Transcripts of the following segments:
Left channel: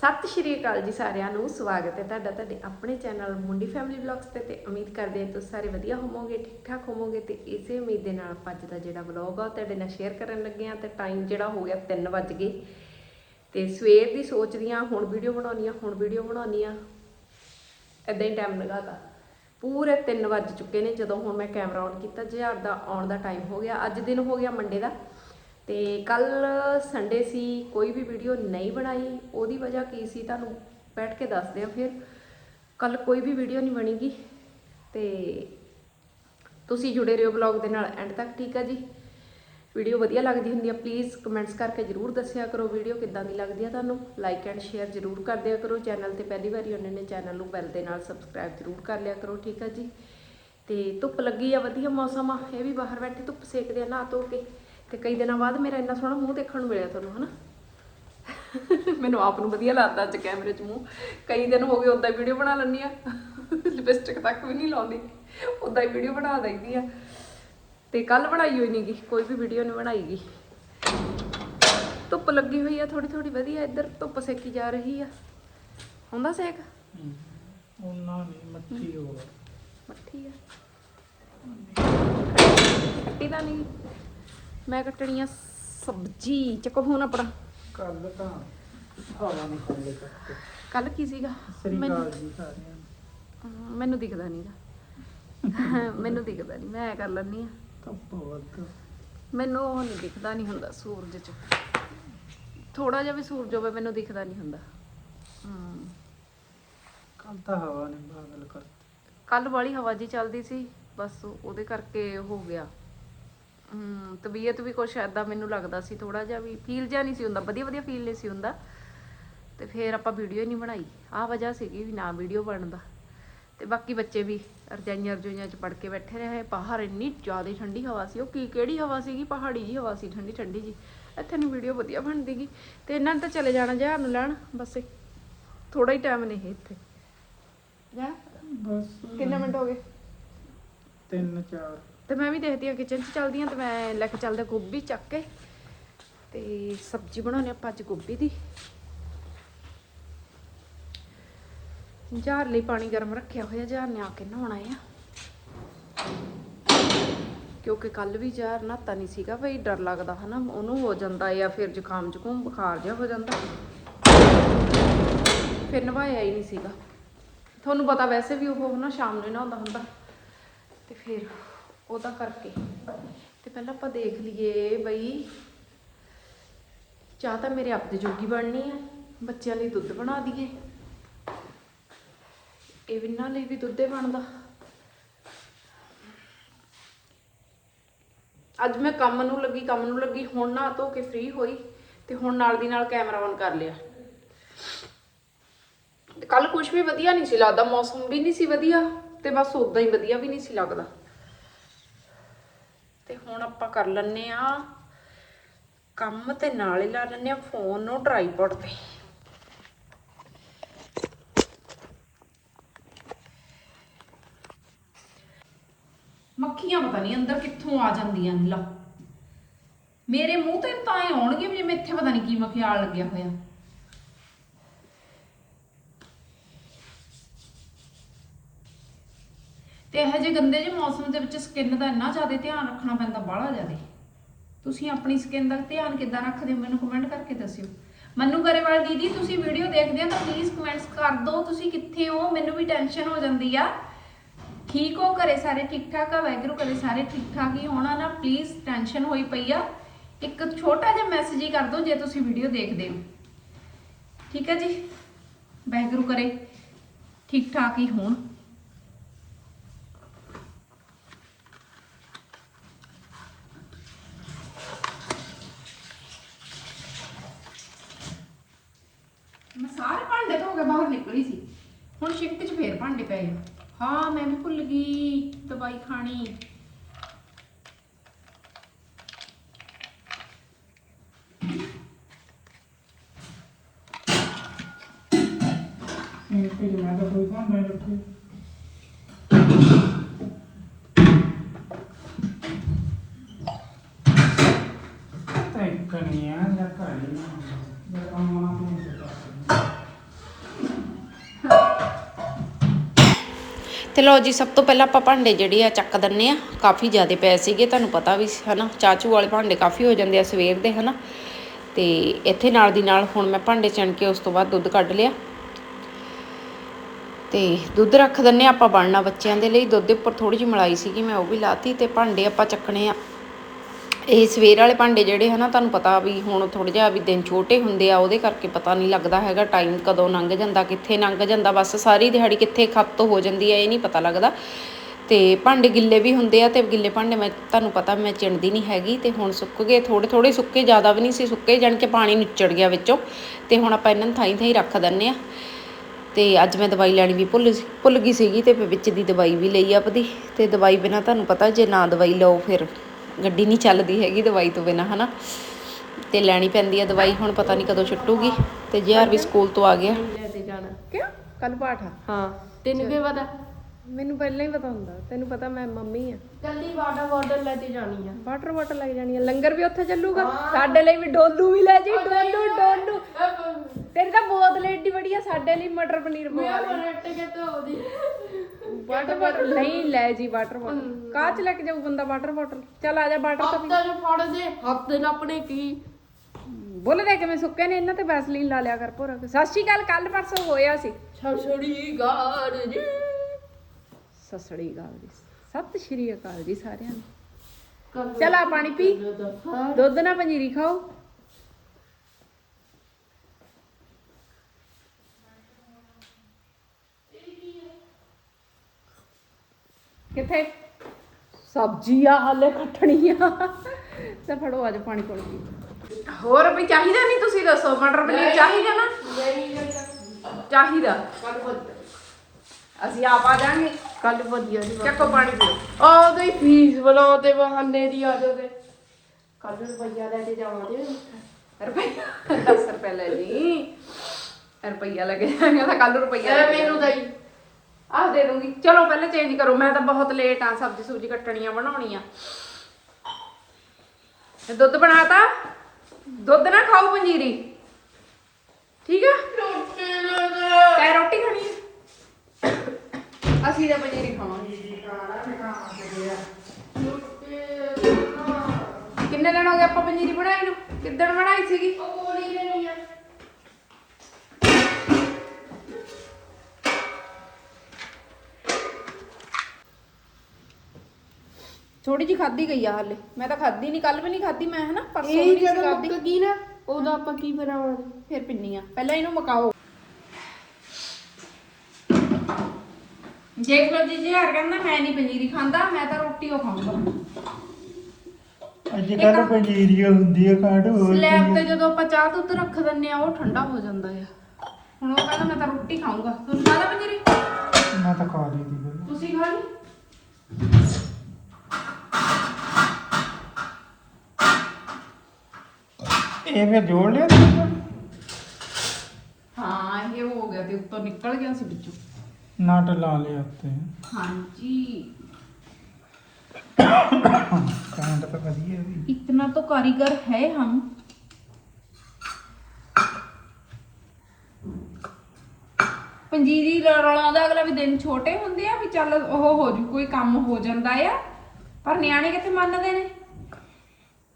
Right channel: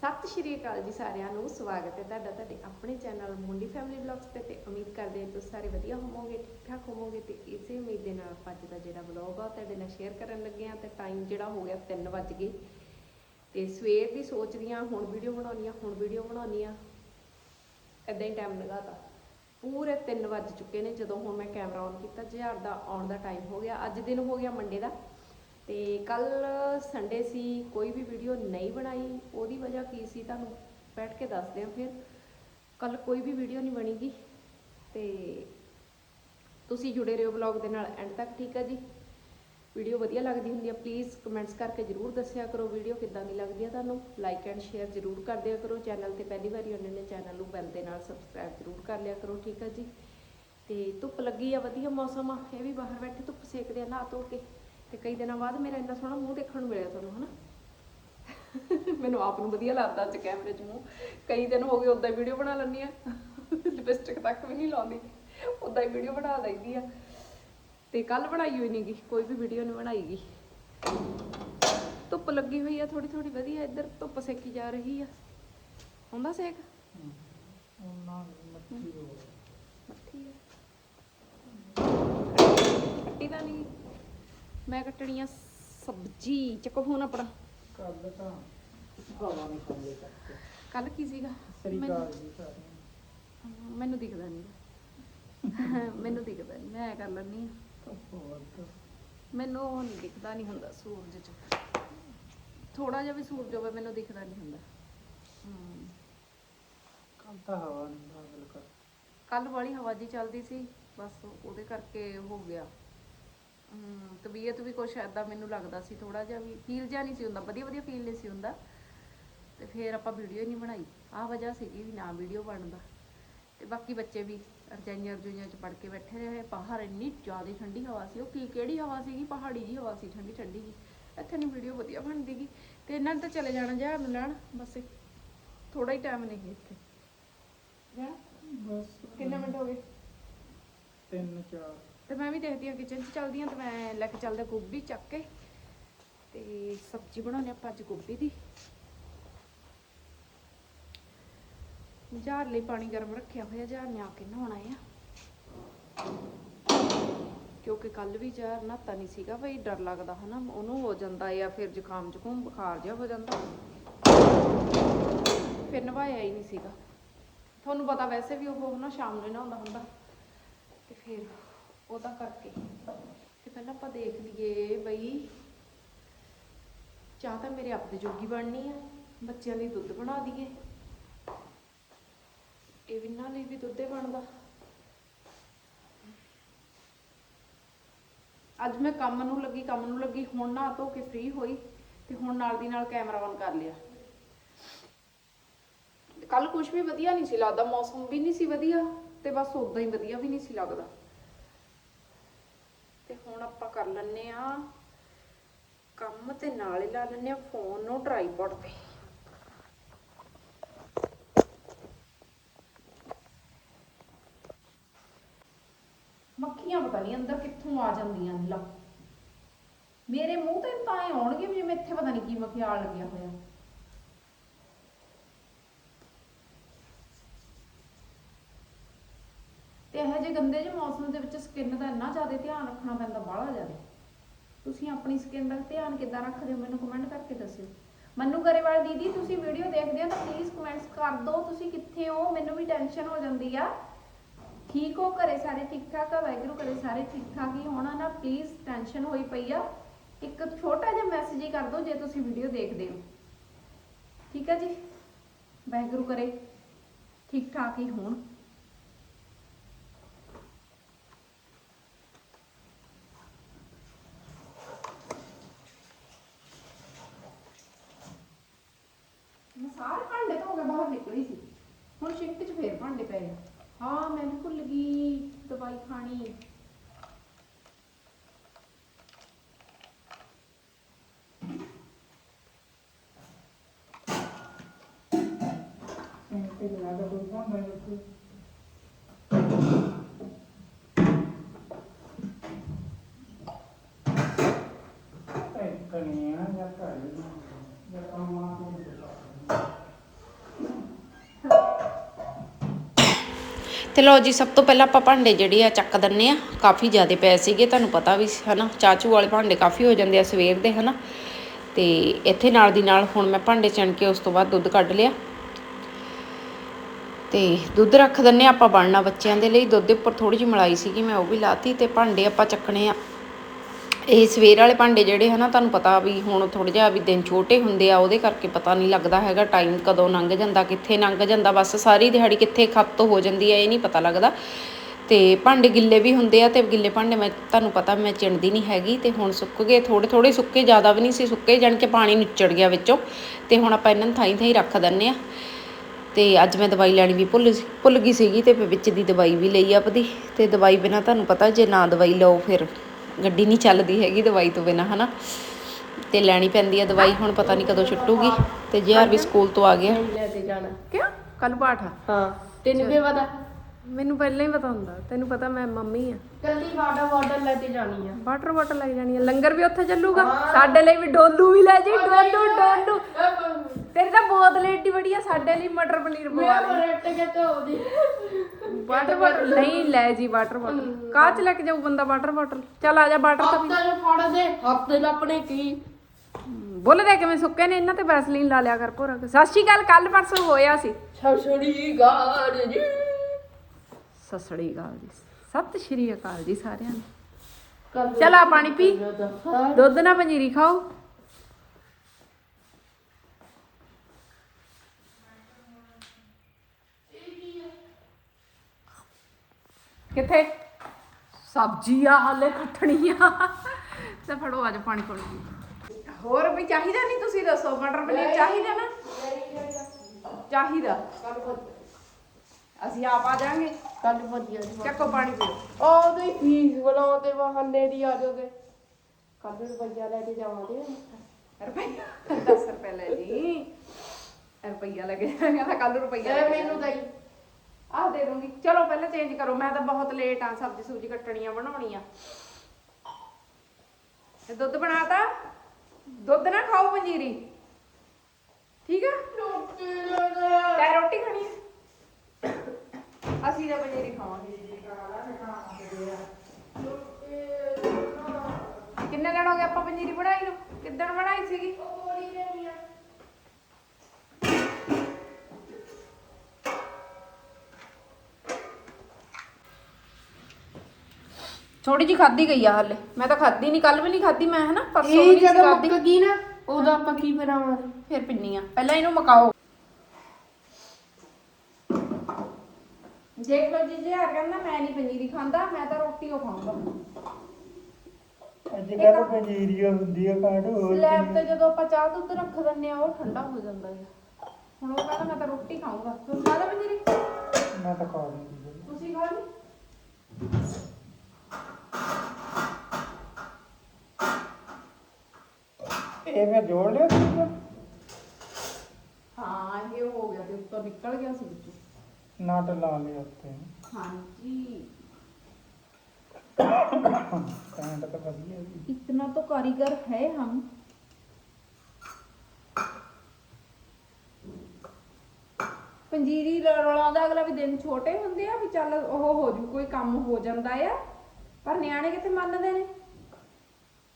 ਸਤਿ ਸ਼੍ਰੀ ਅਕਾਲ ਜੀ ਸਾਰਿਆਂ ਨੂੰ, ਸਵਾਗਤ ਹੈ ਤੁਹਾਡਾ ਤੁਹਾਡੇ ਆਪਣੇ ਚੈਨਲ ਮੁੰਡੀ ਫੈਮਿਲੀ ਵਲੌਗਸ ਤੇ ਤੇ ਉਮੀਦ ਕਰਦੇ ਹਾਂ ਤੁਸੀਂ ਸਾਰੇ ਵਧੀਆ ਹੋਵੋਗੇ ਠੀਕ ਠਾਕ ਹੋਵੋਗੇ ਤੇ ਇਸੇ ਉਮੀਦ ਦੇ ਨਾਲ ਆਪਾਂ ਅੱਜ ਦਾ ਜਿਹੜਾ ਵਲੌਗ ਆ ਉਹ ਤੁਹਾਡੇ ਨਾਲ ਸ਼ੇਅਰ ਕਰਨ ਲੱਗੇ ਆ ਤੇ ਟਾਈਮ ਜਿਹੜਾ ਹੋ ਗਿਆ 3 ਵੱਜ ਗਏ। ਤੇ ਸਵੇਰ ਦੀ ਸੋਚਦੀ ਹਾਂ, ਹੁਣ ਵੀਡੀਓ ਬਣਾਉਣੀ ਆ ਹੁਣ ਵੀਡੀਓ ਬਣਾਉਣੀ ਆ ਇਦਾਂ ਹੀ ਟਾਈਮ ਲਗਾਤਾ। ਪੂਰੇ 3 ਵੱਜ ਚੁੱਕੇ ਨੇ ਜਦੋਂ ਹੁਣ ਮੈਂ ਕੈਮਰਾ ਆਨ ਕੀਤਾ ਜਹਾਰ ਦਾ ਆਉਣ ਦਾ ਟਾਈਮ ਹੋ ਗਿਆ, ਅੱਜ ਦਿਨ ਹੋ ਗਿਆ ਮੰਡੇ ਦਾ। ਤੇ ਕੱਲ ਸੰਡੇ ਸੀ, ਕੋਈ ਵੀ ਵੀਡੀਓ ਨਹੀਂ ਬਣਾਈ। ਉਹਦੀ ਵਜ੍ਹਾ ਕੀ ਸੀ ਤੁਹਾਨੂੰ ਬੈਠ ਕੇ ਦੱਸਦੇ ਆ ਫਿਰ। ਕੱਲ ਕੋਈ ਵੀ ਵੀਡੀਓ ਨਹੀਂ ਬਣੀਗੀ। ਤੇ ਤੁਸੀਂ ਜੁੜੇ ਰਹੋ ਬਲੌਗ ਦੇ ਨਾਲ ਐਂਡ ਤੱਕ, ਠੀਕ ਆ ਜੀ? ਵੀਡੀਓ ਵਧੀਆ ਲੱਗਦੀ ਹੁੰਦੀ ਆ ਪਲੀਜ਼ ਕਮੈਂਟਸ ਕਰਕੇ ਜਰੂਰ ਦੱਸਿਆ ਕਰੋ ਵੀਡੀਓ ਕਿੱਦਾਂ ਦੀ ਲੱਗਦੀ ਆ ਤੁਹਾਨੂੰ। ਲਾਈਕ ਐਂਡ ਸ਼ੇਅਰ ਜਰੂਰ ਕਰ ਦਿਆ ਕਰੋ। ਚੈਨਲ ਤੇ ਪਹਿਲੀ ਵਾਰੀ ਉਹਨਾਂ ਨੇ ਚੈਨਲ ਨੂੰ ਬੈਲ ਦੇ ਨਾਲ ਸਬਸਕ੍ਰਾਈਬ ਜਰੂਰ ਕਰ ਲਿਆ ਕਰੋ, ਠੀਕ ਆ ਜੀ? ਤੇ ਧੁੱਪ ਲੱਗੀ ਆ, ਵਧੀਆ ਮੌਸਮ ਆ। ਇਹ ਵੀ ਬਾਹਰ ਬੈਠੇ ਧੁੱਪ ਸੇਕਦੇ ਆ ਨਾ ਧੋ ਕੇ। ਤੇ ਕਈ ਦਿਨਾਂ ਬਾਅਦ ਮੇਰਾ ਇੰਨਾ ਸੋਹਣਾ ਮੂੰਹ ਦੇਖਣ ਨੂੰ ਮਿਲਿਆ ਤੁਹਾਨੂੰ ਹਨਾ? ਮੈਨੂੰ ਆਪ ਨੂੰ ਵਧੀਆ ਲੱਗਦਾ ਅੱਜ ਕੈਮਰੇ 'ਚ ਮੂੰਹ। ਕਈ ਦਿਨ ਹੋ ਗਏ ਉਦਾਂ ਵੀਡੀਓ ਬਣਾ ਲੈਂਦੀ ਆ ਲਿਪਸਟਿਕ ਤੱਕ ਵੀ ਨਹੀਂ ਲਾਉਂਦੀ। ਉਦਾਂ ਹੀ ਵੀਡੀਓ ਬਣਾ ਦਈਦੀ ਆ ਤੇ ਕੱਲ ਬਣਾਈ ਹੋਈ ਨਹੀਂਗੀ ਕੋਈ ਵੀ ਵੀਡੀਓ ਨਹੀਂ ਬਣਾਈਗੀ। ਧੁੱਪ ਲੱਗੀ ਹੋਈ ਆ ਥੋੜੀ ਥੋੜੀ ਵਧੀਆ ਇੱਧਰ ਧੁੱਪ ਸੇਕੀ ਜਾ ਰਹੀ ਆ। ਹੁੰਦਾ ਸੇਕ? ਉਹਨਾਂ ਨਹੀਂ ਮੱਠੀ ਹੋ ਮੱਠੀ ਆ। ਤਾਂ ਨਹੀਂ। ਮੈਂ ਕੱਟਣੀ ਆ ਸਬਜੀ ਚੱਕੋ ਫੋਨ ਆਪਣਾ। ਕੱਲ ਤਾਂ ਕੀ। ਸੀਗਾ? ਮੈਨੂੰ- ਅਕਾਲ ਜੀ ਸਾਰਿਆਂ ਨੂੰ। ਹਾਂ, ਮੈਨੂੰ ਦਿਖਦਾ ਨਹੀਂਗਾ ਮੈਨੂੰ ਦਿਖਦਾ ਨਹੀਂ ਮੈਂ ਐ ਕਰ ਲੈਂਦੀ ਆ ਵੱਧ ਮੈਨੂੰ ਉਹ ਨਹੀਂ ਦਿਖਦਾ ਨਹੀਂ ਹੁੰਦਾ ਸੂਰਜ 'ਚ। ਥੋੜਾ ਜਿਹਾ ਵੀ ਸੂਰਜ ਹੋਵੇ ਮੈਨੂੰ ਦਿਖਦਾ ਨਹੀਂ ਹੁੰਦਾ। ਕੱਲ ਤਾਂ ਹਵਾ ਨੇ ਪਾਗਲ ਕਰ ਕੱਲ ਵਾਲੀ ਹਵਾ ਜੀ ਚੱਲਦੀ ਸੀ ਬਸ ਉਹਦੇ ਕਰਕੇ ਹੋ ਗਿਆ। ਹਮ ਤਬੀਅਤ ਵੀ ਕੁਛ ਐਦਾਂ ਮੈਨੂੰ ਲੱਗਦਾ ਸੀ ਥੋੜਾ ਜਿਹਾ ਵੀ ਫੀਲ ਜਿਹਾ ਨਹੀਂ ਸੀ ਹੁੰਦਾ ਵਧੀਆ ਵਧੀਆ ਫੀਲ ਨਹੀਂ ਸੀ ਹੁੰਦਾ। ਤੇ ਫਿਰ ਆਪਾਂ ਵੀਡੀਓ ਨਹੀਂ ਬਣਾਈ। ਆਹ ਵਜ੍ਹਾ ਸੀਗੀ ਵੀ ਨਾ ਵੀਡੀਓ ਬਣਦਾ। ਤੇ ਬਾਕੀ ਬੱਚੇ ਵੀ ਰਜਾਈਆਂ ਰਜੋਈਆਂ ਚ ਪੜ ਕੇ ਬੈਠੇ ਰਹੇ। ਬਾਹਰ ਇੰਨੀ ਜ਼ਿਆਦਾ ਠੰਡੀ ਹਵਾ ਸੀ। ਉਹ ਕੀ ਕਿਹੜੀ ਹਵਾ ਸੀਗੀ? ਪਹਾੜੀ ਜੀ ਹਵਾ ਸੀ ਠੰਡੀ ਠੰਡੀ ਜੀ ਇੱਥੇ ਨੂੰ ਵੀਡੀਓ ਵਧੀਆ ਬਣਦੀਗੀ ਤੇ ਇਹਨਾਂ ਨੇ ਤਾਂ ਚਲੇ ਜਾਣਾ ਜਹਾਰ ਨੂੰ ਲੈਣ ਬਸ ਥੋੜਾ ਹੀ ਟਾਈਮ ਨਹੀਂ ਇੱਥੇ। ਜਾ ਬਸ। ਕਿੰਨੇ ਮਿੰਟ ਹੋ ਗਏ? ਤਿੰਨ ਚਾਰ ਤੇ ਮੈਂ ਵੀ ਦੇਖਦੀ ਆ ਕਿਚਨ 'ਚ ਚੱਲਦੀ ਆ ਤੇ ਮੈਂ ਲੈ ਕੇ ਚੱਲਦਾ ਗੋਭੀ ਚੱਕ ਕੇ। ਤੇ ਸਬਜ਼ੀ ਬਣਾਉਣੀ ਆਪਾਂ ਅੱਜ ਗੋਭੀ ਦੀ। ਜਾਰ ਲਈ ਪਾਣੀ ਗਰਮ ਰੱਖਿਆ ਹੋਇਆ, ਜਾਰ ਨੇ ਆ ਕੇ ਨਹਾਉਣਾ ਆ। ਕਿਉਂਕਿ ਕੱਲ ਵੀ ਜਾਰ ਨਹਾਤਾ ਨਹੀਂ ਸੀਗਾ, ਬਈ ਡਰ ਲੱਗਦਾ ਹਨਾ, ਉਹਨੂੰ ਹੋ ਜਾਂਦਾ ਜਾਂ ਫਿਰ ਜ਼ੁਕਾਮ, ਜ਼ੁਕੂਮ ਬੁਖਾਰ ਜਿਹਾ ਹੋ ਜਾਂਦਾ। ਫਿਰ ਨਵਾਇਆ ਹੀ ਨਹੀਂ ਸੀਗਾ। ਤੁਹਾਨੂੰ ਪਤਾ ਵੈਸੇ ਵੀ ਉਹ ਨਾ ਸ਼ਾਮ ਨੂੰ ਨਹਾਉਂਦਾ ਹੁੰਦਾ। ਤੇ ਫਿਰ ਉਹਦਾ ਕਰਕੇ। ਤੇ ਪਹਿਲਾਂ ਆਪਾਂ ਦੇਖ ਲਈਏ ਬਈ, ਚਾਹ ਤਾਂ ਮੇਰੇ ਆਪਦੇ ਜੋਗੀ ਬਣਨੀ ਆ, ਬੱਚਿਆਂ ਲਈ ਦੁੱਧ ਬਣਾ ਦਈਏ। ਇਹ ਵਿੰਨਾ ਲਈ ਵੀ ਦੁੱਧੇ ਬਣਦਾ। ਅੱਜ ਮੈਂ ਕੰਮ ਨੂੰ ਲੱਗੀ, ਕੰਮ ਨੂੰ ਲੱਗੀ, ਹੁਣ ਨਾ ਧੋ ਕੇ ਫ੍ਰੀ ਹੋਈ ਤੇ ਹੁਣ ਨਾਲ ਦੀ ਨਾਲ ਕੈਮਰਾ ਔਨ ਕਰ ਲਿਆ। ਕੱਲ ਕੁਝ ਵੀ ਵਧੀਆ ਨਹੀਂ ਸੀ, ਲੱਗਦਾ ਮੌਸਮ ਵੀ ਨਹੀਂ ਸੀ ਵਧੀਆ। ਤੇ ਬਸ ਉਦਾਂ ਹੀ ਵਧੀਆ ਵੀ ਨਹੀਂ ਸੀ ਲੱਗਦਾ। ਤੇ ਹੁਣ ਆਪਾਂ ਕਰ ਲੈਨੇ ਆ ਕੰਮ ਤੇ ਨਾਲ ਹੀ ਲਾ ਲੈਨੇ ਆ ਫੋਨ ਨੂੰ ਟ੍ਰਾਈਪੋਡ ਤੇ। ਮੱਖੀਆਂ ਪਤਾ ਨਹੀਂ ਅੰਦਰ ਕਿੱਥੋਂ ਆ ਜਾਂਦੀਆਂ ਨੇ, ਲਾ। ਮੇਰੇ ਮੂੰਹ ਤੇ ਤਾਂ ਹੀ ਆਉਣਗੇ ਵੀ ਜਿਵੇਂ ਇੱਥੇ ਪਤਾ ਨਹੀਂ ਕੀ ਮਖਿਆਲ ਲੱਗਿਆ ਹੋਇਆ ਤੇ ਇਹੋ ਜਿਹੇ ਗੰਦੇ ਜਿਹੇ ਮੌਸਮ ਦੇ ਵਿੱਚ ਸਕਿਨ ਦਾ ਇੰਨਾ ਜ਼ਿਆਦਾ ਧਿਆਨ ਰੱਖਣਾ ਪੈਂਦਾ, ਬਾਹਲਾ ਜ਼ਿਆਦਾ। ਤੁਸੀਂ ਆਪਣੀ ਸਕਿਨ ਦਾ ਧਿਆਨ ਕਿੱਦਾਂ ਰੱਖਦੇ ਹੋ, ਮੈਨੂੰ ਕਮੈਂਟ ਕਰਕੇ ਦੱਸਿਓ। ਮੰਨੂ ਗਰੇਵਾਲ ਦੀਦੀ, ਤੁਸੀਂ ਵੀਡੀਓ ਦੇਖਦੇ ਹੋ ਤਾਂ ਪਲੀਜ਼ ਕਮੈਂਟਸ ਕਰ ਦਿਓ, ਤੁਸੀਂ ਕਿੱਥੇ ਹੋ? ਮੈਨੂੰ ਵੀ ਟੈਨਸ਼ਨ ਹੋ ਜਾਂਦੀ ਆ। ਠੀਕ ਹੋ ਘਰੇ ਸਾਰੇ ਠੀਕ ਠਾਕ ਆ? ਵੈਗਰੂ ਘਰੇ ਸਾਰੇ ਠੀਕ ਠਾਕ ਹੀ ਹੋਣਾ ਨਾ? ਪਲੀਜ਼ ਟੈਨਸ਼ਨ ਹੋਈ ਪਈ ਆ। ਇੱਕ ਛੋਟਾ ਜਿਹਾ ਮੈਸੇਜ ਹੀ ਕਰ ਦਿਓ ਜੇ ਤੁਸੀਂ ਵੀਡੀਓ ਦੇਖਦੇ ਹੋ। ਠੀਕ ਹੈ ਜੀ? ਵੈਗਰੂ ਕਰੇ ਠੀਕ ਠਾਕ ਹੀ ਹੋਣ ਮੈਂ ਸਾਰੇ ਭਾਂਡੇ ਧੋ ਕੇ ਬਾਹਰ ਨਿਕਲੀ ਸੀ ਹੁਣ ਸ਼ਿਫਟ 'ਚ ਫੇਰ ਭਾਂਡੇ ਪਏ ਆ। ਹਾਂ, ਮੈਂ ਵੀ ਭੁੱਲ ਗਈ, ਦਵਾਈ ਖਾਣੀ ਮੇਰੇ ਕੋਲ ਮੈਂ ਕੋਈ ਭਾਂਡਾ ਨਹੀਂ ਰੱਖਿਆ ਤੇ ਲਓ ਜੀ ਸਭ ਤੋਂ ਪਹਿਲਾਂ ਆਪਾਂ ਭਾਂਡੇ ਜਿਹੜੇ ਆ ਚੱਕ ਦਿੰਨੇ ਆ। ਕਾਫੀ ਜ਼ਿਆਦਾ ਪਏ ਸੀਗੇ ਤੁਹਾਨੂੰ ਪਤਾ ਵੀ ਸੀ, ਹਨਾ? ਚਾਚੂ ਵਾਲੇ ਭਾਂਡੇ ਕਾਫੀ ਹੋ ਜਾਂਦੇ ਆ ਸਵੇਰ ਦੇ ਹਨਾ? ਤੇ ਇੱਥੇ ਨਾਲ ਦੀ ਨਾਲ ਹੁਣ ਮੈਂ ਭਾਂਡੇ ਚਣ ਕੇ ਉਸ ਤੋਂ ਬਾਅਦ ਦੁੱਧ ਕੱਢ ਲਿਆ। ਤੇ ਦੁੱਧ ਰੱਖ ਦਿੰਨੇ ਆ ਆਪਾਂ ਬਣਨਾ ਬੱਚਿਆਂ ਦੇ ਲਈ। ਦੁੱਧ ਦੇ ਉੱਪਰ ਥੋੜੀ ਜਿਹੀ ਮਲਾਈ ਸੀਗੀ ਮੈਂ ਉਹ ਵੀ ਲਾਤੀ ਤੇ ਭਾਂਡੇ ਆਪਾਂ ਚੱਕਣੇ ਆ। ਇਹ ਸਵੇਰ ਵਾਲੇ ਭਾਂਡੇ ਜਿਹੜੇ ਹਨਾ, ਤੁਹਾਨੂੰ ਪਤਾ ਵੀ ਹੁਣ ਥੋੜਾ ਜਿਹਾ ਵੀ ਦਿਨ ਛੋਟੇ ਹੁੰਦੇ ਆ, ਉਹਦੇ ਕਰਕੇ ਪਤਾ ਨਹੀਂ ਲੱਗਦਾ ਹੈਗਾ ਟਾਈਮ ਕਦੋਂ ਲੰਘ ਜਾਂਦਾ, ਕਿੱਥੇ ਲੰਘ ਜਾਂਦਾ, ਬਸ ਸਾਰੀ ਦਿਹਾੜੀ ਕਿੱਥੇ ਖੱਤ ਹੋ ਜਾਂਦੀ ਹੈ ਇਹ ਨਹੀਂ ਪਤਾ ਲੱਗਦਾ। ਤੇ ਭਾਂਡੇ ਗਿੱਲੇ ਵੀ ਹੁੰਦੇ ਆ ਤੇ ਗਿੱਲੇ ਭਾਂਡੇ ਮੈਂ, ਤੁਹਾਨੂੰ ਪਤਾ ਮੈਂ ਚਿਣਦੀ ਨਹੀਂ ਹੈਗੀ ਤੇ ਹੁਣ ਸੁੱਕ ਗਏ ਥੋੜੇ ਥੋੜੇ ਸੁੱਕੇ, ਜ਼ਿਆਦਾ ਵੀ ਨਹੀਂ ਸੀ ਸੁੱਕੇ, ਜਾਣ ਕਿ ਪਾਣੀ ਨਿਚੜ ਗਿਆ ਵਿੱਚੋਂ। ਤੇ ਹੁਣ ਆਪਾਂ ਇਹਨਾਂ ਨੂੰ ਥਾਈ ਥਾਈ ਰੱਖ ਦਿੰਨੇ ਆ। ਤੇ ਅੱਜ ਮੈਂ ਦਵਾਈ ਲੈਣੀ ਵੀ ਭੁੱਲ ਭੁੱਲ ਗਈ ਸੀਗੀ ਤੇ ਫਿਰ ਵਿੱਚ ਦੀ ਦਵਾਈ ਵੀ ਲਈ ਆਪਦੀ। ਤੇ ਦਵਾਈ ਬਿਨਾ ਤੁਹਾਨੂੰ ਪਤਾ, ਜੇ ਨਾ ਦਵਾਈ ਲਓ ਫਿਰ ਗੱਡੀ ਨਹੀਂ ਚੱਲਦੀ ਹੈਗੀ ਦਵਾਈ ਤੋਂ ਬਿਨਾ ਹਨਾ। ਤੇ ਲੈਣੀ ਪੈਂਦੀ ਆ ਦਵਾਈ ਹੁਣ ਪਤਾ ਨਹੀਂ ਕਦੋਂ ਛੁੱਟੂਗੀ। ਤੇ ਜਿਹਾਰ ਵੀ ਸਕੂਲ ਤੋਂ ਆ ਗਿਆ। ਲੈ ਤੇ ਜਾਣਾ। ਕਿਉਂ? ਕੱਲ ਪਾਠ ਹਾਂ। ਤੈਨੂੰ ਕੀ ਪਤਾ? ਮੈਨੂੰ ਪਹਿਲਾਂ ਹੀ ਪਤਾ ਹੁੰਦਾ ਤੈਨੂੰ ਪਤਾ ਮੈਂ ਮੰਮੀ ਆ। ਕੱਲੀ ਵਾਟਰ ਬੋਟਲ ਲੈ ਤੇ ਜਾਣੀ ਆ। ਵਾਟਰ ਵਾਟਰ ਲਾਈ ਜਾਣੀ ਆ। ਲੰਗਰ ਵੀ ਉੱਥੇ ਚੱਲੂਗਾ ਸਾਡੇ ਲਈ ਵੀ ਡੋਲੂ ਵੀ ਲੈ ਜੀ ਡੋਲੂ ਡੋਲੂ। ਤੇਰੀ ਤਾਂ ਬੋਤਲ ਏਡੀ ਬੜੀ ਆ ਸਾਡੇ ਲਈ ਮਟਰ ਪਨੀਰ ਮੈਂ ਮਰਟ ਕੇ ਧੋਦੀ ਵਾਟਰ ਬੋਤਲ ਨਹੀਂ ਲੈ ਜੀ ਵਾਟਰ ਬੋਤਲ ਕਾਹ ਚ ਲੈ ਕੇ ਜਾਊ ਬੰਦਾ ਵਾਟਰ ਬੋਤਲ ਚੱਲ ਆ ਜਾ ਵਾਟਰ ਤਾਂ ਹਫਤਾ ਜੋ ਫੜ ਦੇ ਦਾ ਆਪਣੇ ਕੀ? ਬੋਲੇ ਦੇ ਕਿਵੇਂ ਸੁੱਕੇ ਨੇ ਇਹਨਾਂ ਤੇ ਵੈਸਲੀਨ ਲਾ ਲਿਆ ਕਰ ਭੋਰਾ। ਸਤਿ ਸ਼੍ਰੀ ਅਕਾਲ ਕੱਲ ਪਰਸੋਂ ਹੋਇਆ ਸੀ। ਛਛੜੀ ਗਾੜ ਜੀ। ਸਸੜੀ ਗਾਲ ਜੀ। ਸਤਿ ਸ਼੍ਰੀ ਅਕਾਲ ਜੀ ਸਾਰਿਆਂ ਨੂੰ। ਕੱਲ ਚੱਲ ਪਾਣੀ ਪੀ। ਦੁੱਧ ਨਾਲ ਪੰਜੀਰੀ ਖਾਓ। ਕਿੱਥੇ? ਸਬਜ਼ੀ ਆ ਹਾਲੇ ਕੱਟਣੀ ਆ ਤੇ ਫੜੋ ਅੱਜ ਪਾਣੀ ਪਾਣੀ ਹੋਰ ਵੀ ਚਾਹੀਦਾ ਨਹੀਂ ਤੁਸੀਂ ਦੱਸੋ ਮਟਰ ਪਨੀਰ ਚਾਹੀਦਾ ਨਾ? ਚਾਹੀਦਾ। ਅਸੀਂ ਆਪ ਆ ਜਾਾਂਗੇ। ਕੱਲ ਵਧੀਆ ਜੀ ਚੱਕੋ ਪਾਣੀ ਪੀਓ। ਆ ਗਈ ਫੀਸ ਬਣਾਓ ਤੇ ਬਹਾਨੇ ਦੀ ਆ ਜਾਓਗੇ ਕੱਲ ਰੁਪਈਆ ਲੈ ਕੇ ਜਾਵਾਂਗੇ। ਰੁਪਈਆ? 10 ਰੁਪਏ ਲੈ ਜੀ। ਰੁਪਈਆ ਲੱਗੇ ਕਹਿੰਦਾ ਕੱਲ ਰੁਪਈਆ ਇਹ ਮੈਨੂੰ ਦਈ। ਆਹ ਦੇ ਦੂੰਗੀ। ਚਲੋ ਪਹਿਲਾਂ ਚੇਂਜ ਕਰੋ। ਮੈਂ ਤਾਂ ਬਹੁਤ ਲੇਟ ਆ ਸਬਜ਼ੀ ਸੂਜੀ ਕੱਟਣੀਆਂ ਬਣਾਉਣੀਆਂ। ਤੇ ਦੁੱਧ ਬਣਾਤਾ? ਦੁੱਧ ਨਾ ਖਾਓ ਪੰਜੀਰੀ। ਠੀਕ ਆ? ਤੈ ਰੋਟੀ ਖਾਣੀ ਹੈ? ਅਸੀਂ ਤਾਂ ਪੰਜੀਰੀ ਖਾਵਾਂਗੇ। ਕਿੰਨੇ ਦਿਨ ਹੋ ਗਏ ਆਪਾਂ ਪੰਜੀਰੀ ਬਣਾਈ ਨੂੰ? ਕਿੱਦਣ ਬਣਾਈ ਸੀਗੀ? ਥੋੜੀ ਜੀ ਖਾਦੀ ਗਈ ਆ ਹਾਲੇ। ਮੈਂ ਤਾਂ ਖਾਦੀ ਨਹੀਂ ਕੱਲ ਵੀ ਨਹੀਂ ਖਾਦੀ ਮੈਂ ਹਨਾ ਪਰਸੋਂ ਵੀ ਇਹ ਨਹੀਂ ਜਦੋਂ ਖਾਦੀ ਮੁੱਕ ਗਈ ਨਾ ਉਦੋਂ ਆਪਾਂ ਕੀ ਬਣਾਵਾਂਗੇ? ਫਿਰ ਪਿੰਨੀਆਂ। ਪਹਿਲਾਂ ਇਹਨੂੰ ਮਕਾਓ। ਦੇਖ ਲਓ ਜੀ ਜੀ ਯਾਰ ਕਹਿੰਦਾ ਮੈਂ ਨਹੀਂ ਪੰਜੀਰੀ ਖਾਂਦਾ ਮੈਂ ਤਾਂ ਰੋਟੀ ਉਹ ਖਾਊਂਗਾ। ਅੱਜ ਕੱਲ ਪੰਜੀਰੀ ਹੁੰਦੀ ਹੈ ਕਾਟ ਸਲੈਬ ਤੇ ਜਦੋਂ ਆਪਾਂ ਚਾਹ ਦੁੱਧ ਰੱਖ ਦਿੰਨੇ ਆ ਉਹ ਠੰਡਾ ਹੋ ਜਾਂਦਾ ਆ। ਹੁਣ ਉਹ ਕਹਿੰਦਾ ਮੈਂ ਤਾਂ ਰੋਟੀ ਖਾਊਂਗਾ। ਤੁਸੀਂ ਖਾ ਲਾ ਪੰਜੀਰੀ? ਮੈਂ ਤਾਂ ਖਾ ਲਈ ਦੀ ਤੁਸੀਂ ਖਾ ਲਈ? ਇਹ ਫਿਰ ਜੋੜ ਲਿਆ? ਹਾਂ ਇਹ ਹੋ ਗਿਆ ਤੇ ਉੱਤੋਂ ਨਿਕਲ ਗਿਆ ਸੀ ਵਿੱਚੋਂ। ਨਟ ਲਾ ਲਿਆ ਉੱਤੇ ਹਾਂਜੀ ਕਾਂਡ ਤਾਂ ਵਧੀਆ ਵੀ इतना तो कारीगर है हम ਪੰਜੀਰੀ ਰਲਾਉਂਦਾ ਅਗਲਾ ਵੀ ਦਿਨ ਛੋਟੇ ਹੁੰਦੇ ਆ ਵੀ ਚੱਲ ਉਹ ਹੋ ਜੂ ਕੋਈ ਕੰਮ ਹੋ ਜਾਂਦਾ ਆ ਪਰ ਨਿਆਣੇ ਕਿੱਥੇ ਮੰਨਦੇ ਨੇ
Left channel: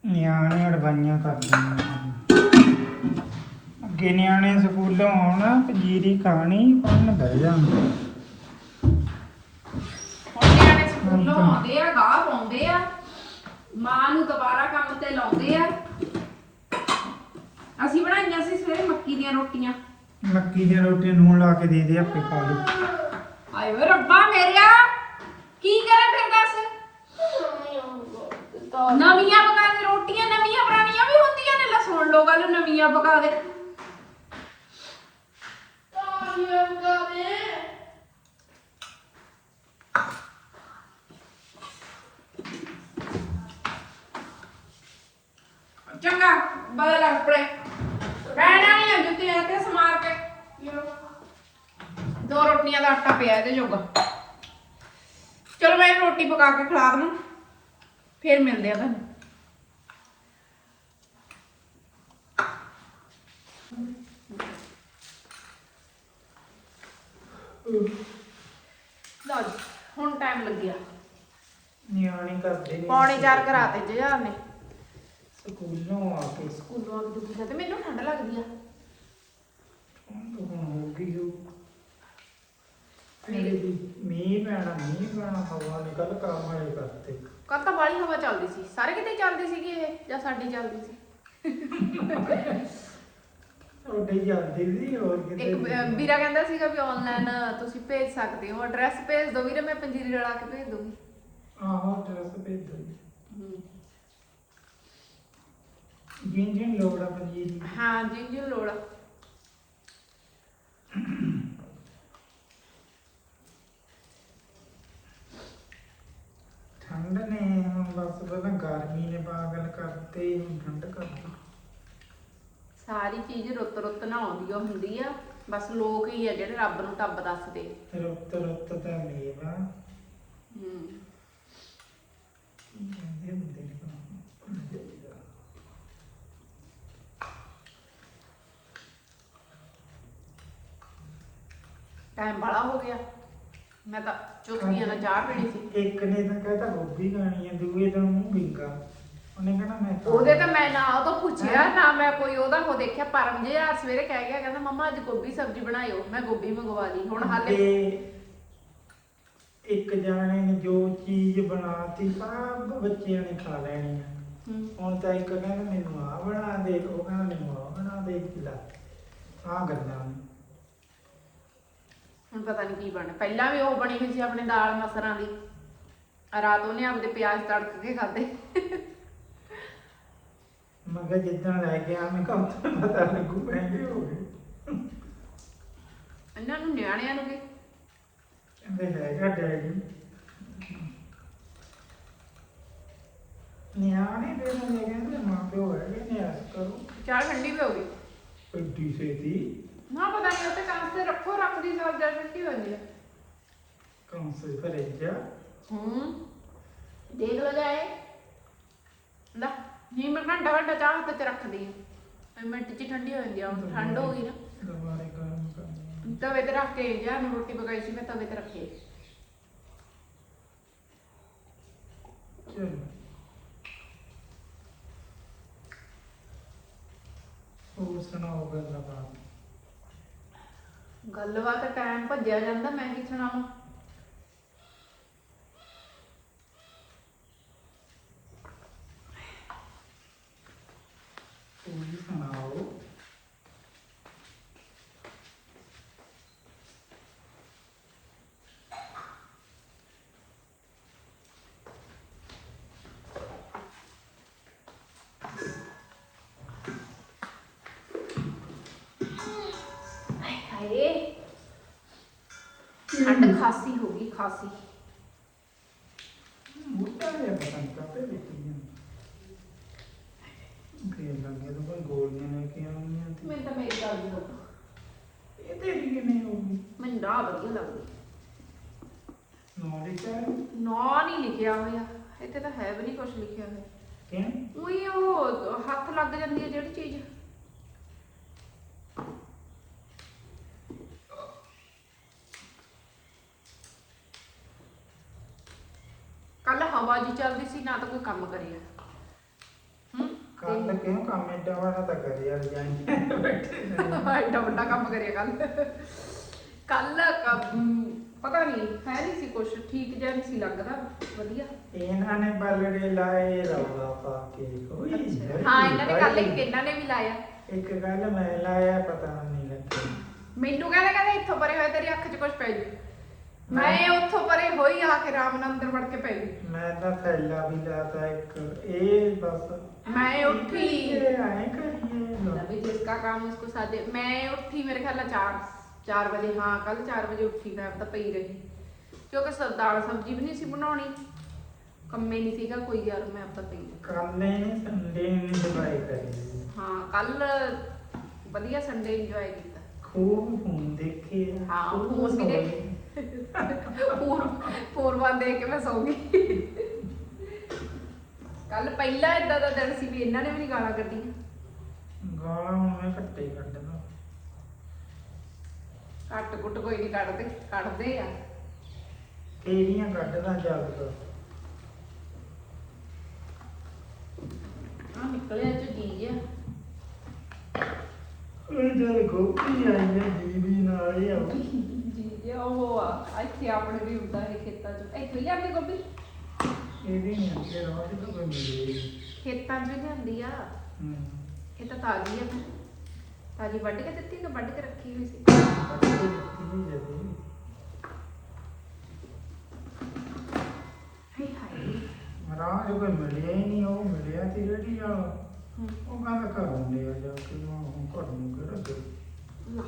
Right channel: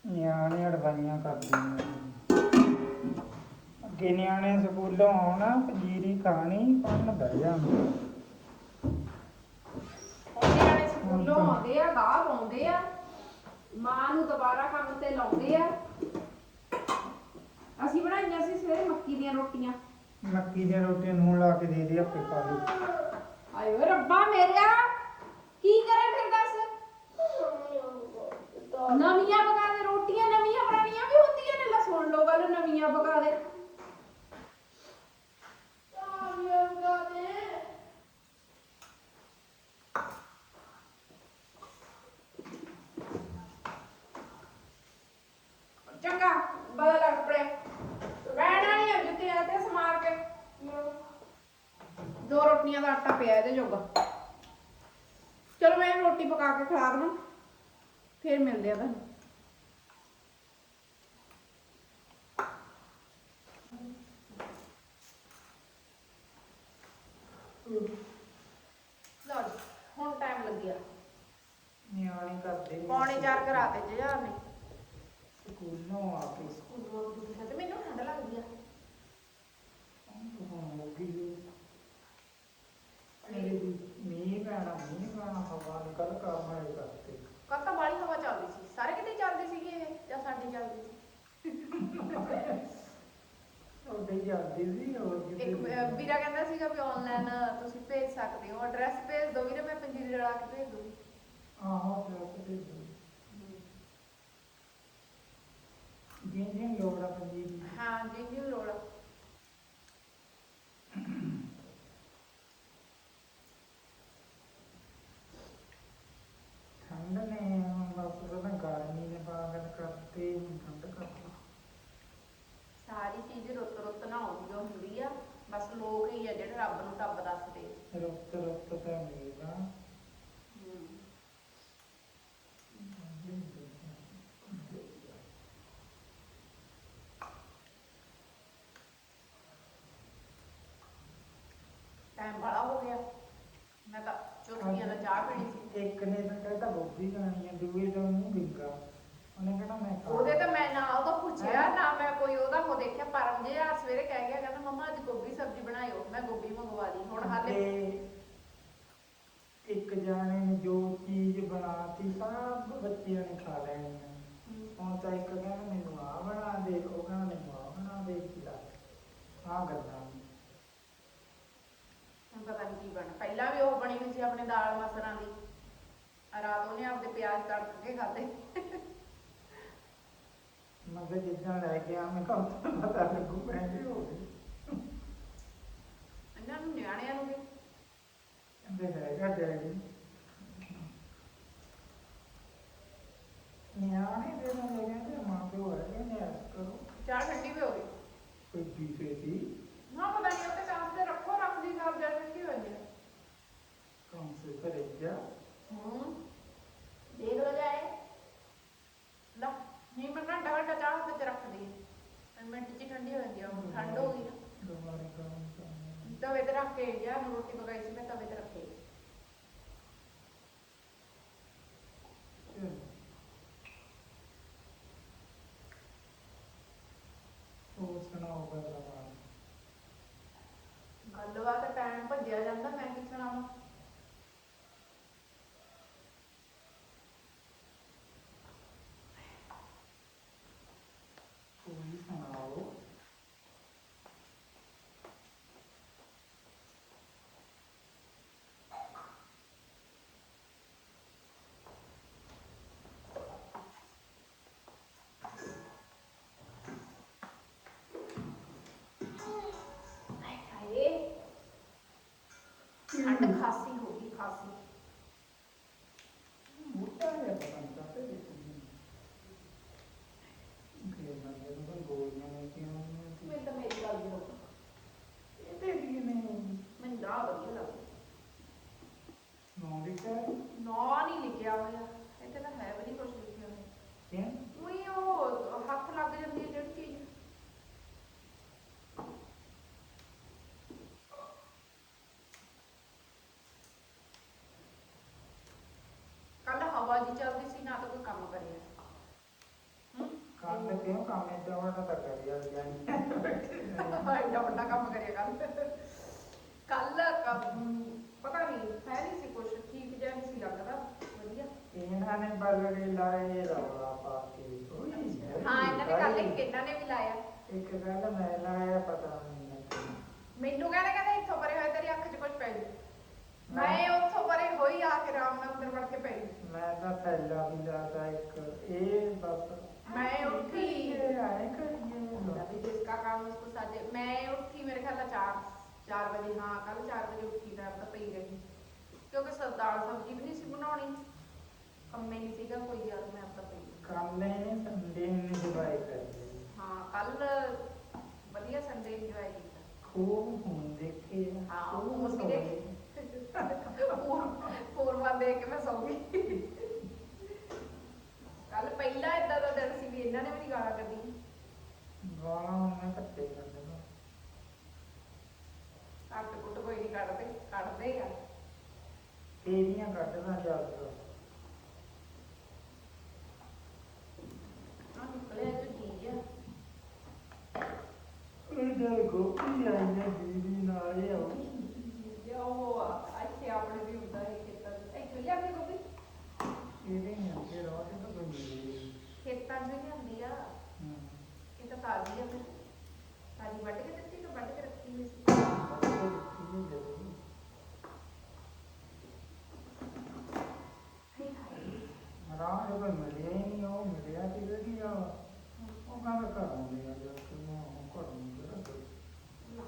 ਨਿਆਣੇ ਅੜਵਾਈਆਂ ਕਰਦੇ ਨੇ ਅੱਗੇ ਨਿਆਣੇ ਸਕੂਲੋਂ ਆਉਣਾ ਪੰਜੀਰੀ ਖਾਣੀ ਪੜਨ ਬਹਿ ਜਾਂਦੇ ਆਉਂਦੇ ਆ ਗਾਹ ਪਾਉਂਦੇ ਆ ਮਾਂ ਨੂੰ ਦੁਬਾਰਾ ਕੰਮ ਤੇ ਲਾਉਂਦੇ ਆ। ਅਸੀਂ ਬਣਾਈਆਂ ਸੀ ਸਵੇਰੇ ਮੱਕੀ ਦੀਆਂ ਰੋਟੀਆਂ। ਮੱਕੀ ਦੀਆਂ ਰੋਟੀਆਂ ਨੂਣ ਲਾ ਕੇ ਦੇ ਦੇ ਆਪੇ ਖਾ ਲਈ ਆਏ ਵੇ ਰੱਬਾ ਮੇਰਿਆ ਕੀ ਕਰਾਂ ਫਿਰ ਦੱਸ? ਨਵੀਆਂ ਪਕਾ ਦੇ ਰੋਟੀਆਂ ਨਵੀਆਂ ਪੁਰਾਣੀਆਂ ਵੀ ਹੁੰਦੀਆਂ ਨੇ। ਲੈ ਸੁਣ ਲੋ ਗੱਲ ਨਵੀਆਂ ਪਕਾ ਦੇ ਚੰਗਾ ਬਦਲ ਆਪਣੇ ਬੈਣਾ ਨਹੀਂ ਆ ਜੁੱਤੀ ਐ ਤੇ ਸਮਾਰ ਕੇ ਦੋ ਰੋਟੀਆਂ ਦਾ ਆਟਾ ਪਿਆ ਇਹਦੇ ਜੋਗਾ। ਚਲੋ ਮੈਂ ਰੋਟੀ ਪਕਾ ਕੇ ਖਿਲਾ ਦਵਾਂ ਫਿਰ ਮਿਲਦੇ ਆ ਤੁਹਾਨੂੰ। ਲਓ ਜੀ ਟਾਈਮ ਲੱਗਿਆ ਨਿਆਣੇ ਕਰਦੇ ਨੇ। ਪੌਣੇ ਚਾਰ ਘਰਾ ਤੇ ਜਹਾਰ ਨੇ। ਸਕੂਲੋਂ ਆ ਕੇ। ਸਕੂਲੋਂ ਆ ਕੇ ਦੁਖੀ ਤੇ ਮੈਨੂੰ ਠੰਡ ਲੱਗਦੀ ਆ। ਹੁਣ ਹੋ ਗਈ ਹੋ ਮੀਂਹ ਪੈਣਾ ਮੀਂਹ ਪੈਣਾ ਹਵਾ ਨਿਕਲ ਕੰਮ ਵਾਲੇ ਕਰਤੇ। ਕੱਲ ਤਾਂ ਬਾਲੀ ਹਵਾ ਚੱਲਦੀ ਸੀ। ਸਾਰੇ ਕਿਤੇ ਚੱਲਦੀ ਸੀਗੀ ਇਹ ਜਾਂ ਸਾਡੀ ਚੱਲਦੀ ਸੀ? ਉਹਦੇ ਜਾਂਦੇ ਸੀ ਹੋਰ ਕਿਤੇ ਇੱਕ ਅਹ, ਵੀਰਾ ਕਹਿੰਦਾ ਸੀਗਾ ਵੀ ਆਨਲਾਈਨ ਤੁਸੀਂ ਭੇਜ ਸਕਦੇ ਹੋ। ਐਡਰੈਸ ਭੇਜ ਦਿਓ ਵੀਰੇ ਮੈਂ ਪੰਜੀਰੀ ਰਲਾ ਕੇ ਭੇਜ ਦੂੰਗੀ ਆਹੋ ਡਰੈਸ ਭੇਜ ਦੋ ਜਿੰਨ ਜਿੰਨ ਲੋੜਾ ਪੰਜੀਰੀ ਹਾਂ ਜੀ ਜੀ ਲੋੜ ਆ। ਠੰਡ ਨੇ ਹੁਣ ਬਸ ਪਹਿਲਾਂ ਗਰਮੀ ਨੇ ਪਾਗਲ ਕਰਤੇ ਹੁਣ ਠੰਡ ਕਰਤੀ। ਸਾਰੀ ਚੀਜ਼ ਰੁੱਤ ਰੁੱਤ ਨਾ ਆਉਂਦੀ ਓ ਹੁੰਦੀ ਆ। ਬਸ ਲੋਕ ਹੀ ਆ ਜਿਹੜੇ ਰੱਬ ਨੂੰ ਟੱਬ ਦੱਸਦੇ। ਰੁੱਤ ਰੁੱਤ ਤਾਂ ਮੇਵਾ ਹੂੰ। ਟਾਈਮ ਬੜਾ ਹੋ ਗਿਆ। ਮੈਂ ਤਾਂ ਚੁਸਕੀਆਂ ਨਾਲ ਚਾਹ ਪੀਣੀ ਸੀ ਇੱਕ ਨੇ ਤਾਂ ਕਹਿੰਦਾ ਗੋਭੀ ਖਾਣੀ ਹੈ ਦੂਏ ਦਿਨ ਮੂੰਹ ਵਿੰਗਾ ਉਹਨੇ ਕਹਿਣਾ ਮੈਂ ਖਾ ਉਹਦੇ ਤਾਂ ਮੈਂ ਨਾ ਉਹ ਤੋਂ ਪੁੱਛਿਆ ਨਾ ਮੈਂ ਕੋਈ ਉਹਦਾ ਉਹ ਦੇਖਿਆ ਪਰਮ ਜੇ ਆ ਸਵੇਰੇ ਕਹਿ ਗਿਆ ਕਹਿੰਦਾ ਮੰਮਾ ਅੱਜ ਗੋਭੀ ਸਬਜ਼ੀ ਬਣਾਇਓ ਮੈਂ ਗੋਭੀ ਮੰਗਵਾ ਲਈ ਹੁਣ ਹਾਲੇ ਤੇ ਇੱਕ ਜਾਣੇ ਨੇ ਜੋ ਚੀਜ਼ ਬਣਾਤੀ ਸਭ ਬੱਚਿਆਂ ਨੇ ਖਾ ਲੈਣੀ ਆ। ਹੁਣ ਤਾਂ ਇੱਕ ਕਹਿੰਦਾ ਮੈਨੂੰ ਆ ਬਣਾ ਦੇ ਉਹ ਕਹਿੰਦਾ ਮੈਨੂੰ ਆ ਬਣਾ ਦੇ ਲੈ ਆ ਗੱਲਾਂ ਨੇ। ਹੁਣ ਪਤਾ ਨਹੀਂ ਕੀ ਬਣ ਪਹਿਲਾਂ ਵੀ ਉਹ ਬਣੀ ਹੋਈ ਸੀ ਆਪਣੇ ਦਾਲ ਮਸਰਾਂ ਦੀ। ਰਾਤ ਉਹਨੇ ਆਪਦੇ ਪਿਆਜ਼ ਤੜਕ ਕੇ ਖਾਦੇ ਮੈਂ ਕਿਹਾ ਜਿੱਦਾਂ ਲੈ ਗਿਆ ਮੈਂ ਕਿਹਾ ਉੱਥੇ ਪਤਾ ਲੱਗੂ ਮਹਿੰਗੇ ਹੋ ਗਏ। ਇਹਨਾਂ ਨੂੰ ਨਿਆਣਿਆਂ ਨੂੰ ਵੀ। ਕਹਿੰਦੇ ਹੈਗਾ ਡੈਡੀ ਨਿਆਣੇ ਦੇ ਨੂੰ ਕਹਿੰਦੇ ਮਾਂ ਪਿਓ ਹੈਗੇ ਨਿਆਸ ਕਰੋ ਚਾਹ ਠੰਡੀ ਵੀ ਹੋ ਗਈ ਐਡੀ ਛੇਤੀ। ਨਾ ਪਤਾ ਨਹੀਂ ਉੱਤੇ ਕੰਮ ਤੇ ਰੱਖੋ ਰੱਖਦੀ ਸਾਲ ਜਾ ਠੰਡੀ ਹੋ ਹੈ ਕੰਮ ਸੇ ਕਰੇ ਜਾ ਹੂੰ ਦੇਖ ਲੋ ਜਾਏ। ਲੈ ਨਹੀਂ ਮੈਂ ਘੰਟਾ ਘੰਟਾ ਚਾਹ ਚ ਰੱਖਦੀ ਹਾਂ ਮਿੰਟ ਚ ਠੰਡੀ ਹੋ ਜਾਂਦੀ ਆ ਹੁਣ ਠੰਡ ਹੋ ਗਈ ਨਾ। ਕੰਮ ਕਰਨੇ ਤਵੇ ਤੇ ਰੱਖ ਕੇ ਜਾਂ ਨੂੰ ਰੋਟੀ ਪਕਾਈ ਸੀ ਮੈਂ ਤਵੇ ਤੇ ਰੱਖੀ ਚਲੋ। ਹੋਰ ਸੁਣਾਓ ਗੱਲਾਂ? ਗੱਲਬਾਤ ਟਾਈਮ ਭੱਜਿਆ ਜਾਂਦਾ ਮੈਂ ਕੀ ਸੁਣਾਵਾਂ ਹੋਰ ਸੁਣਾਓ ਹਾਏ ਠੰਡ ਖਾਸੀ ਹੋ ਗਈ ਖਾਸੀ। ਮੁੱਦਾ ਹੈ ਪਤੰਗ ਕਾਤੇ ਦਿੱਤੀਆਂ ਕਿ ਲੱਗੇ ਤਾਂ ਕੋਈ ਗੋਲੀਆਂ ਲੈ ਕੇ ਆਉਣੀਆਂ ਤੇ ਮੈਨੂੰ ਤਾਂ ਮੇਰੀ ਗੱਲ ਨਹੀਂ ਹੋਣਾ ਇਹ ਤੇ ਵੀ ਨਹੀਂ ਹੋਊਗੀ ਮੈਨੂੰ ਨਾ ਵਧੀਆ ਲੱਗਦਾ। ਨਾਲੇ ਚਾਹ ਨਾ ਨਹੀਂ ਲਿਖਿਆ ਹੋਇਆ। ਇੱਥੇ ਤਾਂ ਹੈ ਵੀ ਨਹੀਂ ਕੁਝ ਲਿਖਿਆ ਹੋਇਆ। ਕਿਉਂ? ਉਹੀ ਉਹ ਹੱਥ ਲੱਗ ਜਾਂਦੀ ਹੈ ਜਿਹੜੀ ਚੀਜ਼ ਕੱਲ ਹਵਾ ਜੀ ਚੱਲਦੀ ਸੀ ਨਾ ਤਾਂ ਕੋਈ ਕੰਮ ਕਰਿਆ ਹੂੰ? ਕੱਲ ਕਿਉਂ ਕੰਮ? ਏਡਾ ਵਾਲਾ ਤਾਂ ਕਰੇ ਯਾਰ ਜਾਈਂ। ਬੈਠੇ ਨੇ। ਐਡਾ ਵੱਡਾ ਕੰਮ ਕਰਿਆ ਕੱਲ। ਕੱਲ ਪਤਾ ਨਹੀਂ ਹੈ ਨਹੀਂ ਸੀ ਕੁਝ ਠੀਕ ਜਿਹਾ ਨਹੀਂ ਸੀ ਲੱਗਦਾ। ਵਧੀਆ। ਇਹਨਾਂ ਨੇ ਬਲੜੇ ਲਾਏ ਰੌਲਾ ਪਾ ਕੇ। ਕੋਈ ਹਾਂ ਇਹਨਾਂ ਨੇ ਕੱਲ ਇੱਕ ਇਹਨਾਂ ਨੇ ਵੀ ਲਾਇਆ। ਇੱਕ ਗੱਲ ਮੈਂ ਲਾਇਆ ਪਤਾ ਨਹੀਂ ਲੱਗਿਆ। ਮੈਨੂੰ ਕਹਿੰਦਾ ਕਹਿੰਦਾ ਇੱਥੋਂ ਪਰੇ ਹੋਇਆ ਤੇਰੀ ਅੱਖ 'ਚ ਕੁਝ ਪੈ ਜੂ। ਮੈਂ ਉੱਥੋਂ ਪਰੇ ਹੋਈ ਆ ਕੇ ਰਾਮ ਨਾਲ ਅੰਦਰ ਵੜ ਕੇ ਪੈ ਗਈ ਮੈਂ ਤਾਂ ਥੈਲਾ ਵੀ ਲਾਤਾ ਇੱਕ ਇਹ ਬਸ। ਮੈਂ ਉੱਠੀ। ਇਹ ਆਏ ਕਰੀਏ ਵੀ ਜਿਸਕਾ ਕੰਮ ਇਸਕੋ ਸਾਦੇ ਮੈਂ ਉੱਠੀ ਮੇਰੇ ਖਿਆਲ ਨਾਲ 4 4 ਵਜੇ ਹਾਂ ਕੱਲ 4 ਵਜੇ ਉੱਠੀ ਮੈਂ ਤਾਂ ਪਈ ਰਹੀ। ਕਿਉਂਕਿ ਸ- ਦਾਲ ਸਬਜ਼ੀ ਵੀ ਨਹੀਂ ਸੀ ਬਣਾਉਣੀ। ਕੰਮੇ ਨਹੀਂ ਸੀਗਾ ਕੋਈ ਯਾਰ ਮੈਂ ਤਾਂ ਪਈ ਰਹੀ। ਕੰਨੇ ਸੰਡੇ ਨੇ ਦਵਾਈ ਕਰੀ। ਹਾਂ ਕੱਲ ਵਧੀਆ ਸੰਡੇ ਇੰਜੋਏ ਕੀਤਾ। ਖੂਬ ਫੋਨ ਦੇਖੇ ਹਾਂ, ਫੋਨ ਵੀ। ਦੇਖੇ। ਫੋਰ ਫੋਰ ਵਨ ਦੇਖ ਕੇ ਮੈਂ ਸੌ ਗਈ ਕੱਲ ਪਹਿਲਾ ਇਦਾਂ ਦਾ ਦਿਨ ਸੀ ਵੀ ਇਹਨਾਂ ਨੇ ਵੀ ਨਹੀਂ ਗਾਲਾਂ ਕੱਢੀਆਂ। ਗਾਲਾਂ ਹੁਣ ਮੈਂ ਘੱਟੇ ਕੱਢਦਾ। ਘੱਟ ਕੁੱਟ ਕੋਈ ਨਹੀਂ ਕੱਢਦੇ ਕੱਢਦੇ ਆ। ਕਿਹੜੀਆਂ ਕੱਢਦਾ ਤੋਂ ਆ ਨਿਕਲਿਆ ਚ ਜੀ ਜਿਹਾ ਉਹ ਜਦ ਗੋਪੀ ਆਈ ਹੈ ਦੀਦੀ ਨਾਲ ਹੀ ਆਉ ਜਿਹਾ ਉਹ ਆ ਇੱਥੇ ਆਪਣੇ ਵੀ ਹੁੰਦਾ ਹੈ ਖੇਤਾਂ ਚ। ਇੱਥੇ ਲਿਆਂਦੇ ਗੋਭੀ? ਇਹ ਵੀ ਨਹੀਂ ਅੱਗੇ ਰੋਜ਼ ਤੋਂ ਕੋਈ ਮਿਲੇ ਖੇਤਾਂ ਚ ਲਿਆਂਦੀ ਆ। ਹੂੰ। ਇਹ ਤਾਂ ਤਾਜ਼ੀ ਆ ਫਿਰ ਤਾਜ਼ੀ ਵੱਢ ਕੇ ਦਿੱਤੀ ਕਿ ਵੱਢ ਕੇ ਰੱਖੀ ਹੋਈ ਸੀ? ਰਾਹ ਜੋ ਕੋਈ ਮਿਲਿਆ ਹੀ ਨਹੀਂ ਉਹ ਮਿਲਿਆ ਸੀ ਜਿਹੜੀ ਆ। ਉਹ ਕਹਿੰਦਾ ਘਰੋਂ ਲਿਆ ਜਾ ਕੇ ਹੁਣ ਘਰ ਨੂੰ ਕਿਹੜਾ ਦੇ। ਤੇ ਇਹ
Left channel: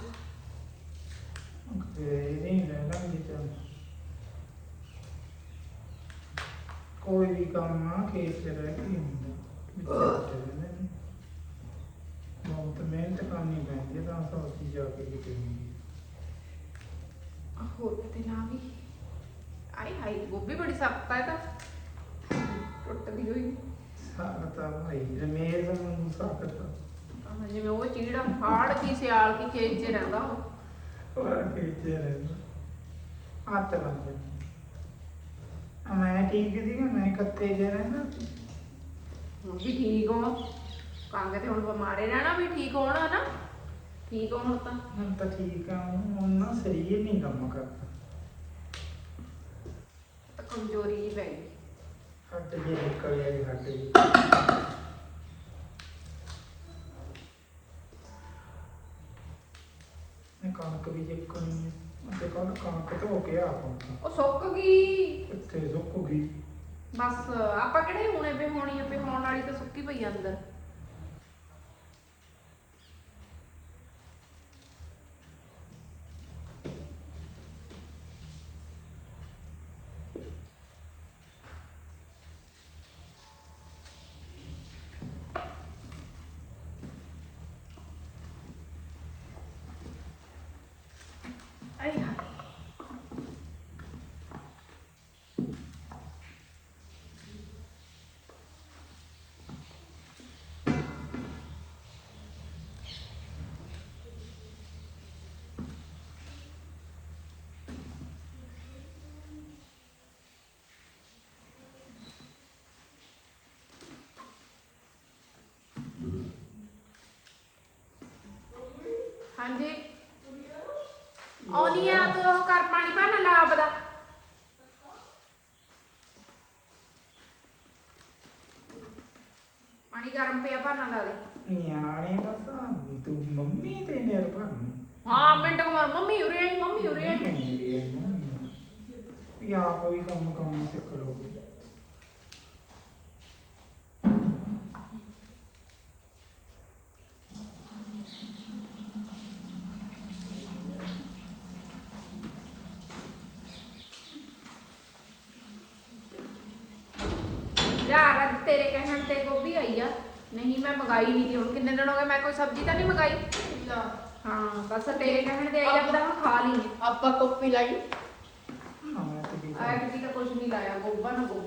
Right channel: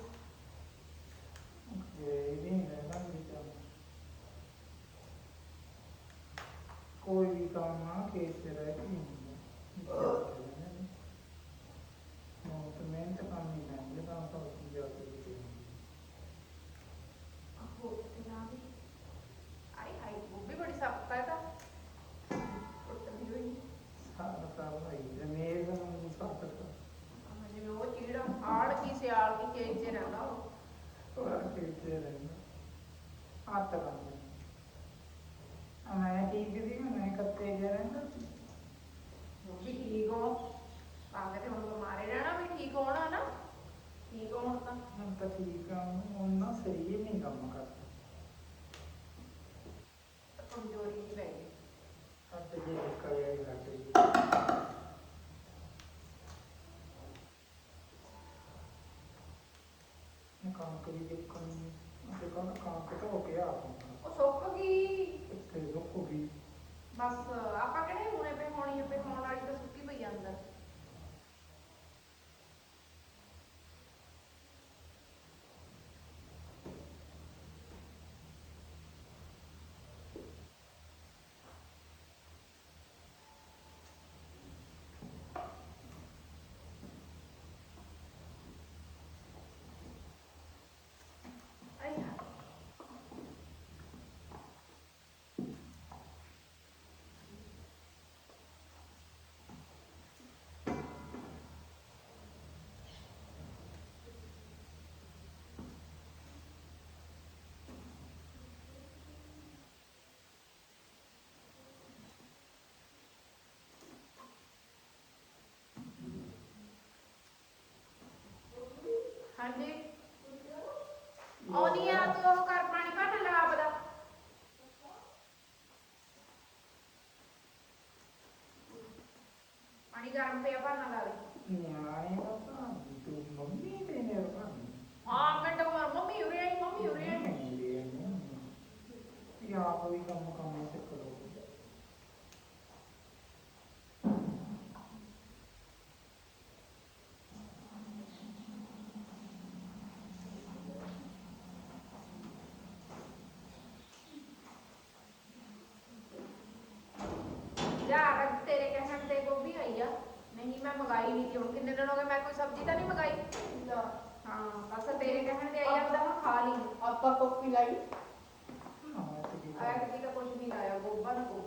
ਨਹੀਂ ਲੈ ਲਾਂਗੇ ਕੋਈ ਵੀ ਕੰਮ ਆ ਖੇਤ ਰਹਿ ਕੇ ਨਹੀਂ ਹੁੰਦਾ ਵਿੱਚ ਰਹਿੰਦੇ ਨੇ। ਬਹੁਤ ਮਿਹਨਤ ਕਰਨੀ ਪੈਂਦੀ ਹੈ ਤਾਂ ਸੋਚੀ ਜਾ ਕੇ ਕਿਤੇ ਨਹੀਂ ਆਹ ਹੋਰ ਕਿਤੇ ਨਾ ਵੀ ਆਏ ਹਾਏ ਗੋਭੀ ਬੜੀ ਸਖਤ ਆ ਇਹ ਤਾਂ ਟੁੱਟਦੀ ਹੋਈ ਸਾਖਤਾ ਭਾਈ ਜਮੇਰ ਨੂੰ ਸਾਖਤਾ ਆਹ ਜਿਵੇਂ ਉਹ ਚੀੜਾ ਫਾੜ ਦੀ ਸਿਆਲ ਕੀ ਖੇਤ 'ਚ ਰਹਿੰਦਾ ਉਹ ਉਹ ਖੇਤ ਚ ਰਹਿੰਦਾ ਹੱਥ ਬੰਦ ਮੈਂ ਠੀਕ ਸੀ ਜੇ ਰਹਿੰਦਾ ਹੁਣ ਵੀ ਠੀਕ ਹੋ ਕੰਗ ਤੇ ਹੁਣ ਬਿਮਾਰੇ ਰਹਿਣਾ ਵੀ ਠੀਕ ਹੋਣਾ ਨਾ। ਠੀਕ ਹੋਣ ਤਾਂ। ਹੁਣ ਤਾਂ ਠੀਕ ਆ ਹੁਣ ਨਾ ਸਰੀਰ ਨਹੀਂ ਕੰਮ ਕਰਦਾ। ਤਾਂ ਕਮਜ਼ੋਰੀ ਜਿਹੀ ਪੈ ਗਈ। ਹੱਟ ਜੀ ਨਿਕਲ ਆਈ ਹੱਟ ਜੀ ਇਹ ਕਣਕ ਵੀ ਜਿੱਕਣੀ ਹੈ ਤੇ ਕੱਲ ਕਣਕ ਧੋ ਕੇ ਆ ਪਹੁੰਚਾ ਉਹ ਸੁੱਕ ਗਈ। ਕਿੱਥੇ ਸੁੱਕ ਗਈ? ਬਸ, ਆਪਾਂ ਕਿਹੜੇ ਹੁਣੇ ਪੇ ਹੋਣੀ ਆ ਪੇ ਹੋਣ ਵਾਲੀ ਤਾਂ ਸੁੱਕੀ ਪਈ ਆ ਅੰਦਰ ਆਏ ਹਾਏ ਹਾਂਜੀ ਆਉਣੀ ਆ ਤੂੰ ਉਹ ਕਰ ਪਾਣੀ ਭਰਨਾ ਲਾਬ ਦਾ ਪਾਣੀ ਗਰਮ ਪਿਆ ਭਰਨਾ ਲਾ ਦੇ ਨਿਆਣੇ ਦਾ ਤਾਂ ਤੂੰ ਮੰਮੀ ਤੇ ਨਿਰਭਰ ਹਾਂ ਮਿੰਟ ਕੋ ਮੰਮੀ ਉਰੇ ਆਈ ਮੰਮੀ ਉਰੇ ਆਈ ਯਾ ਕੋਈ ਕੰਮ ਕੰਮ ਸਿੱਖ ਲਓ ਯਾਰ ਤੇਰੇ ਕਹਿਣ ਤੇ ਗੋਭੀ ਆਈ ਆ। ਨਹੀਂ ਮੈਂ ਮੰਗਾਈ ਨਹੀਂ ਤੀ ਹੁਣ ਕਿੰਨੇ ਦਿਨ ਹੋ ਗਏ ਮੈਂ ਕੋਈ ਸਬਜ਼ੀ ਤਾਂ ਨਹੀਂ ਮੰਗਾਈ? ਹਾਂ ਬਸ ਤੇਰੇ ਕਹਿਣ ਤੇ ਆਈ ਆ ਹੁਣ ਖਾ ਲਈ। ਆਪਾਂ ਕਾਪੀ ਲਾਈ। ਹਾਂ ਮੈਂ ਦਾ ਕੁਝ ਨਹੀਂ ਲਾਇਆ ਗੋਭਾ ਨੂੰ ਗੋਭੀ